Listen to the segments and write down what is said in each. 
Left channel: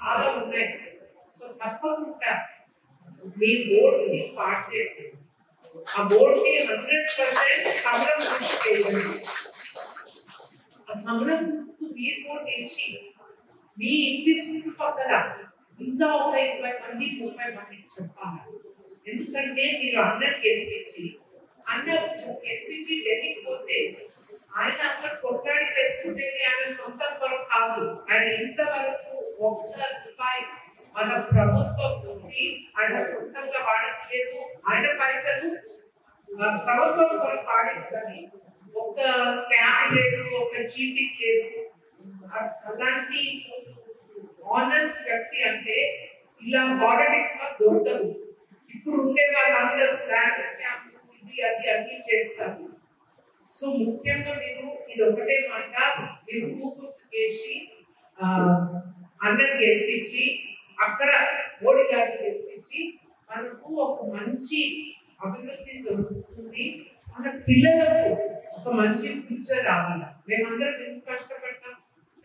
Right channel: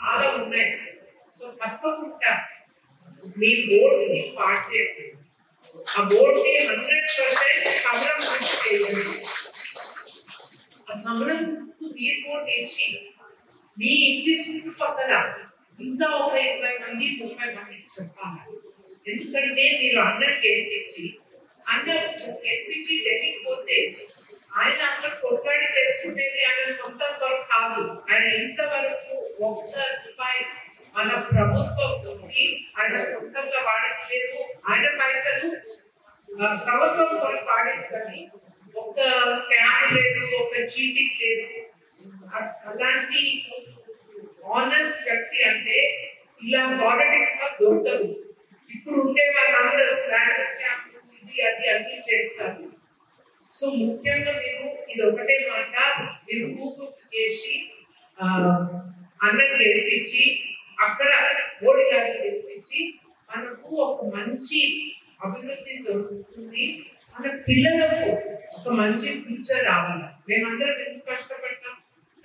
చాలా ఉన్నాయి. సో తప్పకుండా మీ బోర్డుని పార్ట్ చేయండి. ఆ బోర్డుని 100% కమలం గురించి చేయండి. ఆ కమలం మీరు కూడా తెచ్చి మీ ఇంటి చుట్టుపక్కల ఇంకా ఒక 20 మంది 30 మందికి చెప్పాలి. ఎందుకంటే మీరు అందరికి గెలిపించి గెలిపించి ఢిల్లీకి పోతే ఆయన అక్కడ కొట్లాడి తెచ్చుకునేది ఆయన సొంత కొరకు కాదు. ఆయన ఇంతవరకు ₹1 మన ప్రభుత్వం ఉంది, ఆయన సొంతంగా వాడట్లేదు. ఆయన పైసలు ప్రభుత్వం కొరకు వాడేది, కానీ ఒక స్కామ్ లేదు, ఒక చీటింగ్ లేదు. అలాంటి ఆనెస్ట్ వ్యక్తి అంటే ఇలా పాలిటిక్స్ లో దొరకదు. ఇప్పుడు ఉండే వాళ్ళందరూ ల్యాండ్ స్కామ్ ఇది అది అన్ని చేస్తారు. సో ముఖ్యంగా మీరు ఇది ఒకటే మాట, మీరు గుర్తు చేసి అన్నది గెలిపించి అక్కడ మోడీ గారిని గెలిపించి మనకు ఒక మంచి అభివృద్ధి జరుగుతుంది. మన పిల్లలకు ఒక మంచి ఫ్యూచర్ రావాలి. మేమందరం ఎంత కష్టపడతాం,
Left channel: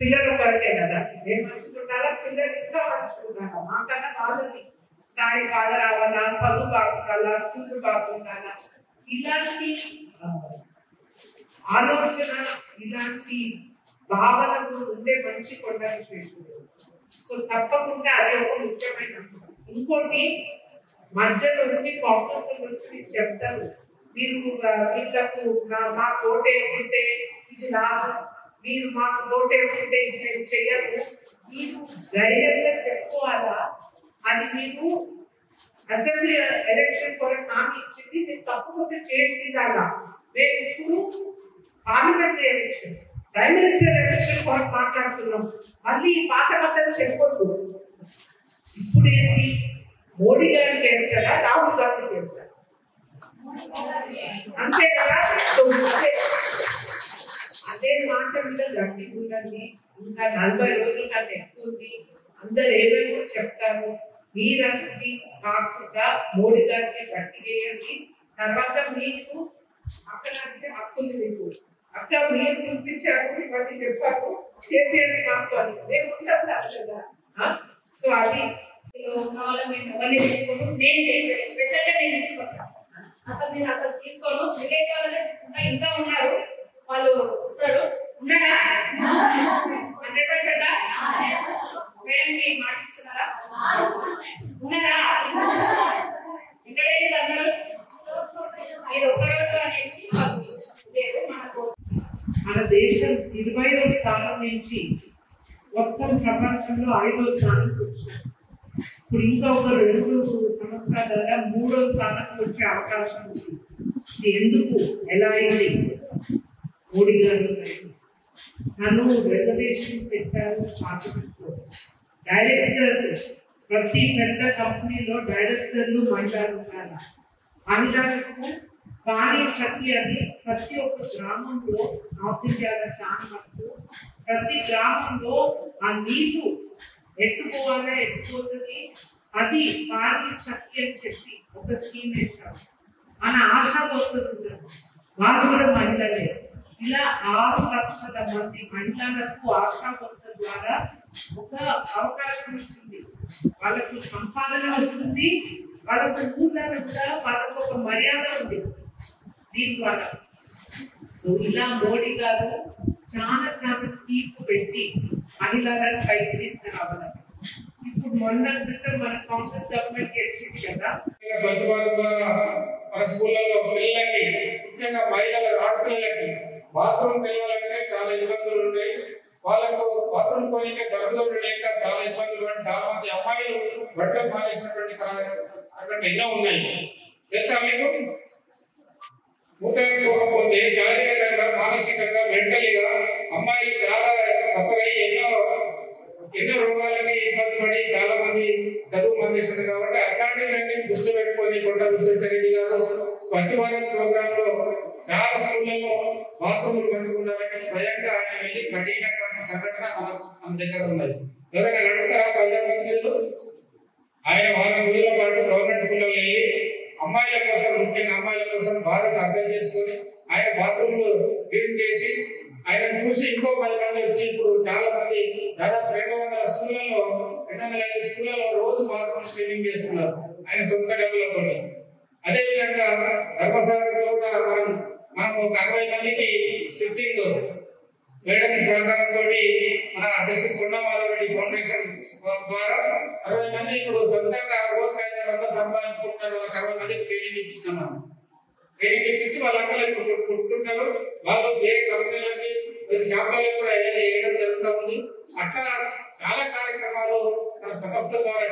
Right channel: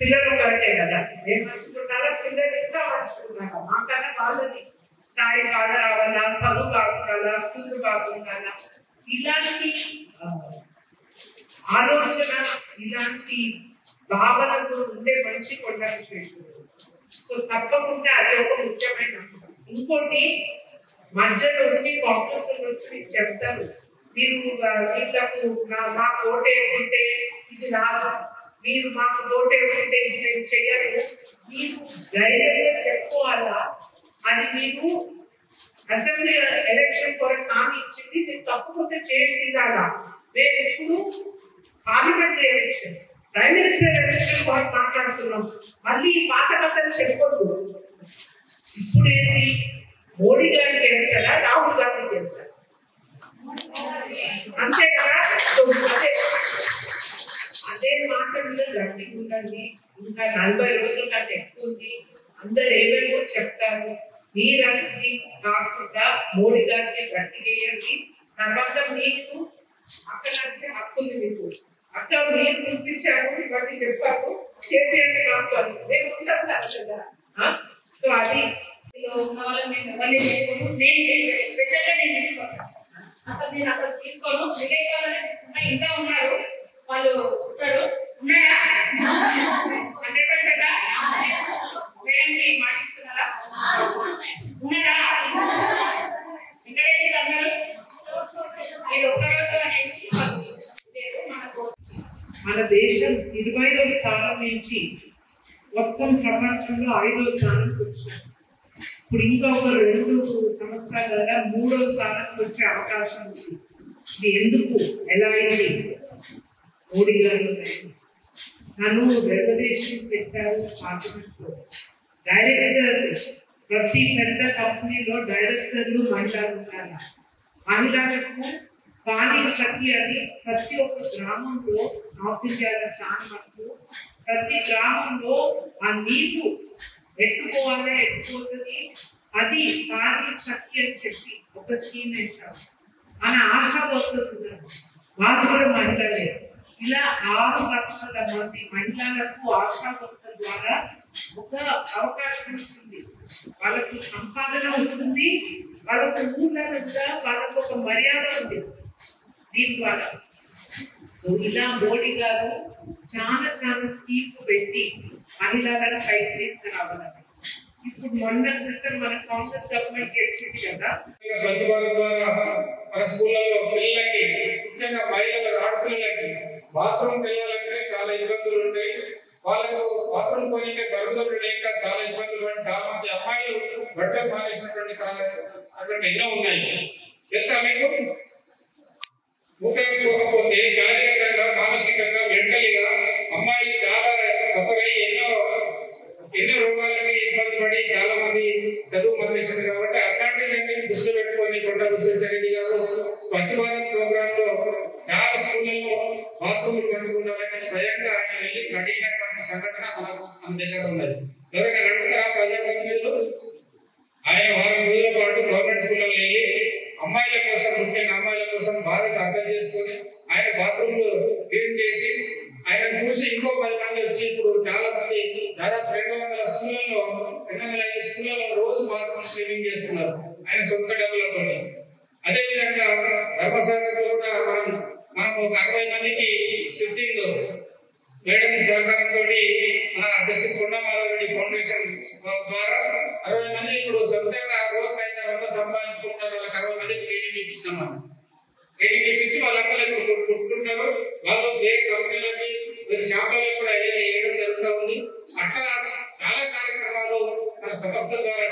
పిల్లలు కొరకే కదా. మేము మంచుకుంటారా, పిల్లలు ఇంకా మంచుకుంటారా, మాకన్నా వాళ్ళది స్థాయి బాగా రావాలా, చదువు బాగుండాలా, స్కూల్ బాగుండాలా. ఇలాంటి ఆలోచన, ఇలాంటి భావనతో ఉండే మనిషి కొండకు చేస్తుంది. సో తప్పకుండా అది ఒక ముఖ్యమైన అంశం. ఇంకోటి, మధ్యలో వచ్చి కాంగ్రెస్ వచ్చి మీకు చెప్తారు, మీరు వీళ్ళకు మాకు ఓటు వేసుకుంటే ఇది లాభం, మీరు మాకు ఓటు వేసుకుంటే ఇది చెయ్యరు. మీరు ధైర్యంగా చెప్పుకోవాలా, అది మీరు అసెంబ్లీ ఎలక్షన్ కొరకు హామీ ఇచ్చింది, మీరు తప్పకుండా చేసి తీరాలా. మేము ఇప్పుడు parliament election, prime minister election కొరకు మాట్లాడుతున్నాం. మళ్ళీ పాత కథలు చెప్పకూడదు. ఇప్పుడు ఏంటి, మోడీ గారిని చేస్తారా, రాహుల్ గాంధీ చేస్తారా? అంతే కదా. అదే మాట మీద గట్టిగా ఉండండి. ఇంకా 40 రోజుల కంటే ఎక్కువ ఉంది. అందరు ఏమేమో చెప్తారు, మీరన్నీ కాకుండా మోడీ గారికి గట్టి చేయండి. తర్వాత మీరు అక్కడ హక్కుంది మీకు. అక్కడ మీరు చూపించారు, ఇవన్నీ చెప్పారు, చేయండి మాకు మేము ఉంటాం కదా. సో అది అసలు నేను తీసుకోను, విలేకాలనే తీసుకుంటా. ఇంకా ఉన్నారు వాళ్ళు వస్తారు, ఉన్నాయా? 100% మేడంకి మాటిస్తున్నారా? ఉన్నారా? ఇక్కడ అందరూ మీరు ఒక్కరోజు అనేసి మన దేశం 20వ స్థానం నుంచి మొత్తం ప్రపంచంలో 5వ స్థానానికి వచ్చింది. ఇప్పుడు ఇంకా ఒక 2 సంవత్సరాల 3వ స్థానానికి వచ్చే అవకాశం ఉంది. ఇది ఎందుకు, ఎలా అయింది? మోడీ గారు తను రిజర్వేషన్ పెట్టారు పార్లమెంట్లో. డైరెక్టర్స్, ప్రతి పెద్ద కంపెనీలో డైరెక్టర్లు మహిళలు ఉన్నారు. మహిళలకు పానీ సఖి అని ప్రతి ఒక్క గ్రామంలో, నార్త్ ఇండియాలో చాలా మటుకు ప్రతి గ్రామంలో ఆ నీళ్లు ఎట్టుకోవాలని ఎట్టుకోతుంది. అది పానీ సఖి అని చెప్పి ఒక స్కీమ్ వేశారు. మన ఆశా వర్కర్లు వాళ్ళు కూడా మహిళలే. ఇలా 6 లక్షల మంది మహిళలకు ఆశా వర్కర్ ద్వారా ఒక అవకాశం ఇస్తుంది. వాళ్ళకు సంపాదన వస్తుంది, వాళ్ళకు ఊళ్ళలో కూడా వాళ్ళకు ఒక మర్యాద ఉంది దీని ద్వారా. సో ఇలా మోడీ గారు చాలా స్కీమ్ పెట్టి మహిళలను పైకి తీసుకురావాలి. ఇప్పుడు మొన్న క్రితం మన కాంగ్రెస్ గవర్నమెంట్ గెలిచింది కదా. స్వచ్ఛ భారత్ ద్వారా మన స్కూళ్ళలో పిల్లలకి, ముఖ్యంగా మహిళల ఆడపిల్లలకి బాత్రూమ్ తెలియాలంటే చాలా ఇబ్బందులు ఉంటాయి. వాళ్ళకు బాత్రూమ్ కొనికే దొరకదు లేక చాలా ఇబ్బందులు పడి చాలా మంది అమ్మాయిలు బట్టలు మానేసినటువంటి సంఘటనలు ఎన్నో ఉన్నాయి. తెలుసా మీకు? పోతే శారీరకంగా, మానసికంగా, మెంటలీగా అమ్మాయిలు చాలా సఫర్ అయ్యి ఎన్నో రోగాలకి ఇబ్బంది పడి చాలా మంది చదువు మానేశారు. కాబట్టి అట్లాంటివన్నీ దృష్టి పెట్టుకొని కొండ విశ్వేశ్వరరెడ్డి గారు స్వచ్ఛ భారత్ ప్రోగ్రామ్ లో చాలా స్కూళ్లలో బాత్రూములు పంచుకున్నారని స్వయంగా ఆయన వెళ్ళి కఠినటువంటి సంఘటన మన దగ్గర ఉన్నది. ఎవరైనా నడుపుతారా ప్రజాప్రతినిధులు? ఆయన వారం రోజుల పాటు గవర్నమెంట్ స్కూళ్ళలో వెళ్ళి అమ్మాయిల కోసం, ముఖ్యంగా అమ్మాయిల కోసం బాధను అర్థం చేసుకొని ఆయన బాత్రూమ్లు క్లీన్ చేసి ఆయన చూసి ఇంకో 10 మంది వచ్చి ఇప్పుడు చాలా మంది దాదాపు 200 స్కూళ్ళలో 200 రోజు బాత్రూమ్ క్లీనింగ్ చేస్తున్నారు ఆయన సొంత డబ్బులతో. అదేవిధంగా ధర్మసాగర్లో కూడా మనం ఒక 60 మందికి స్టిచ్చింగ్ మేడం సహకారంతో మన జస్టిస్ కొండా మాధవరెడ్డి ఫౌండేషన్ ద్వారా 60 మంది ఇప్పుడు సొంతంగా రోజుకి 500 సంపాదించుకుంటారు. వాళ్ళకి 60 మందికి ట్రైనింగ్ ఇప్పించాం. ట్రైనింగ్ ఇప్పించి వాళ్ళందరూ ఇప్పుడు కుట్టుకుంటారు. వాళ్ళు వేరే కంపెనీలకి షాపులలో కూడా వేయడం జరుగుతూ ఉంది. అట్లా చాలా కార్యక్రమాలు మన సంస్థ ద్వారా